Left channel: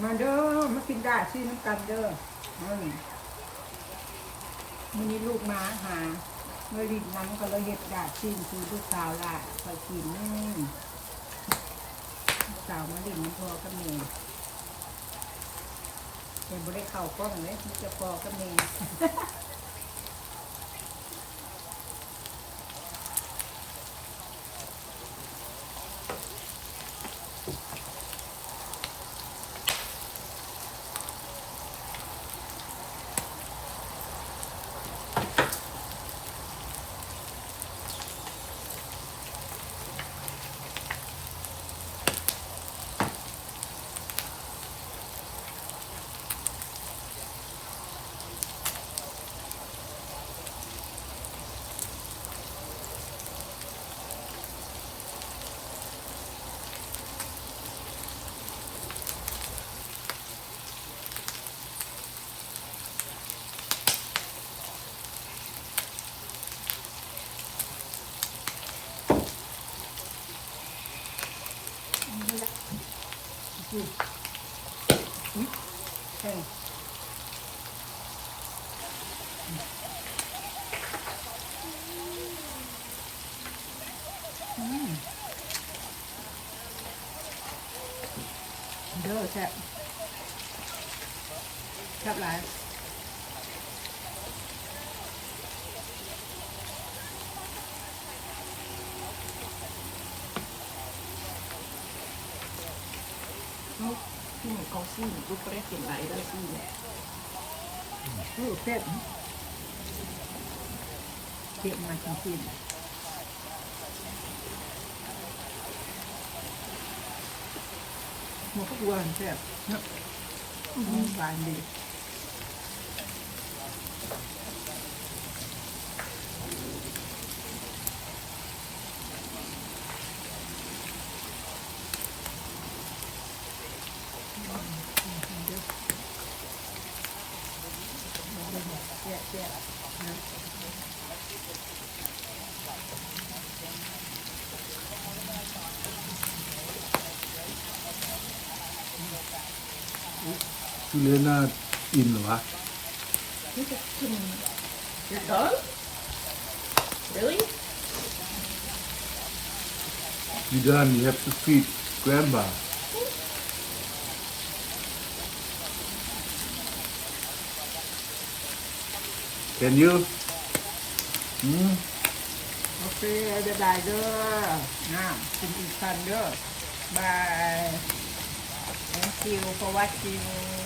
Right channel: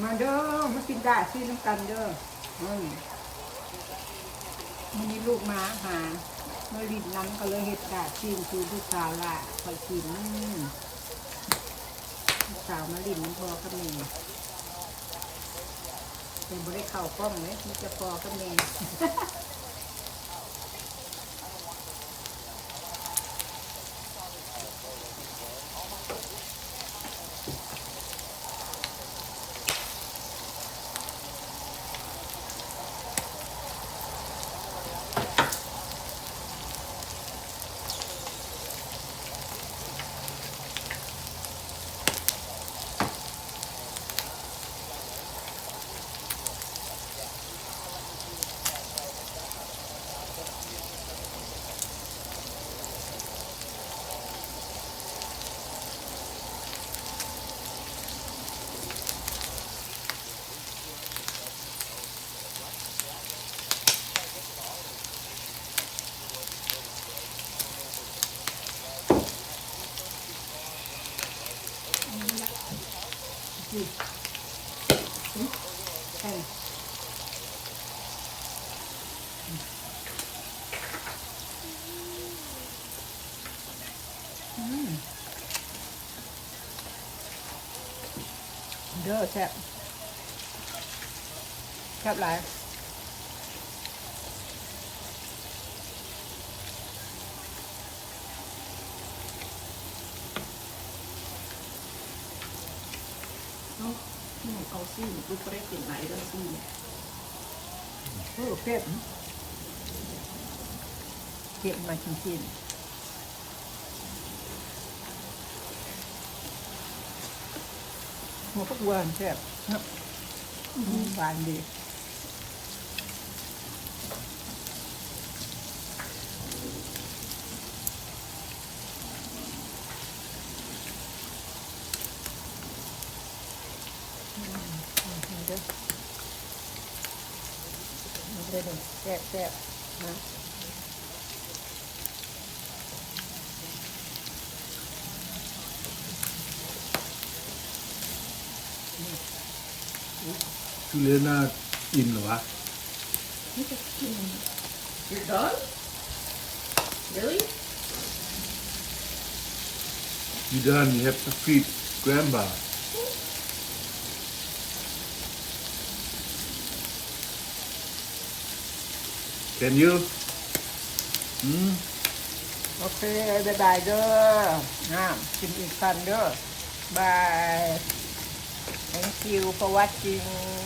มาเด้อมากินได้ซื้อน้ำกันเด้อมันมีลูกมาหาเมื่อริดนั้นก็เลยเห็ดดาชิมคือลูกสาวล่ะคอยกินลูกสาวมาลินมันพอกับเมย์เป็นบริเข่ากล้องเลยไม่จะพอกับเมย์ใช่เด้อแซ่บแซ่บหลายที่ไหนเขาซื้อก็ได้เป็นไรได้ซื้อแซ่บเก็บมาจริงๆมันก็หวานแซ่บนะหวานดีแซ่บแซ่บนะทุเรียนน่าอิ่มเหรอวะ นี่จะกินเด้อเด้อ You done? You have to feed grandma. Can you? โอเคได้เด้อน้ำกินอีกกันเด้อบาย thank you for watching